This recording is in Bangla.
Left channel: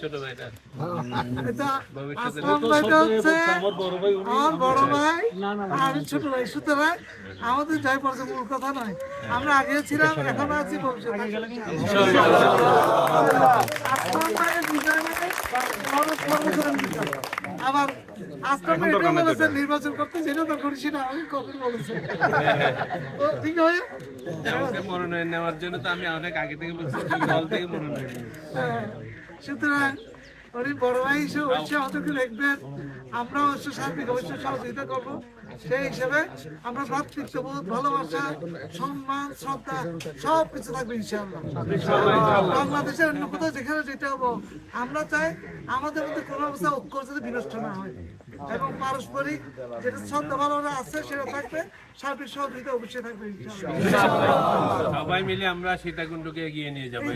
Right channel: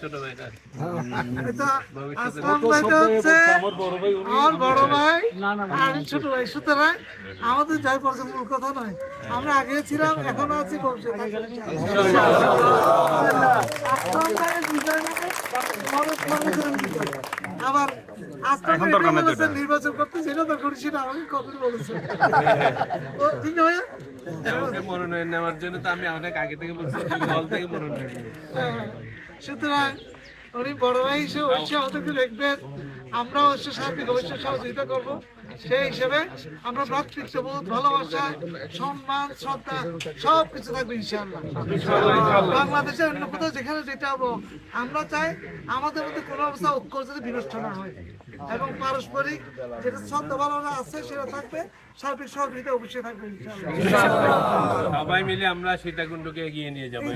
ছোট ভাইটা আমার বড় ভাই, আমি ছোট ভাই। সুতরাং আমাদের যাই পড়ছে মূল কথা নয়, আমরা আগে ছিলাম, এখন আছি, ভবিষ্যতে আবার আসলাম এটা বলেছেন নির্বাচন করতে, যেটা তো করি সেটা আমি কখন বলেছেন ঠিক নয়। আমাকে মনোনয়ন নেওয়ার জন্য তো আমি অনেক আগে থেকে বলছি, দল থেকে মনোনয়ন। সুতরাং উনি বড় ভাই হিসেবে অবশ্যই আমাদেরকে দেখবেন, আমরা অবশ্যই সার্বিক অবশ্যই সহযোগিতা করবো। সেই হিসেবে আমরা ভ্রাতৃত্ববোধ, ভালোবাসা, সম্মান, শ্রদ্ধা সবকিছু থাকবে ইনশাআল্লাহ। বাংলাদেশের অন্য কোথাও যেখানে যেটা হবো, আমরা চাই আমাদের মধ্যে কোনো অবস্থা ঐক্য যাতে বিনষ্ট না হয় এবং পারস্পরিক যেটা শ্রদ্ধা ভালোবাসা আছে সেটা থাকবে, সার্বিক সহযোগিতা অবশ্যই থাকবে ইনশাআল্লাহ। সবাই মিলে আমরা সীতাকুণ্ডকে এগিয়ে নিয়ে যাবো।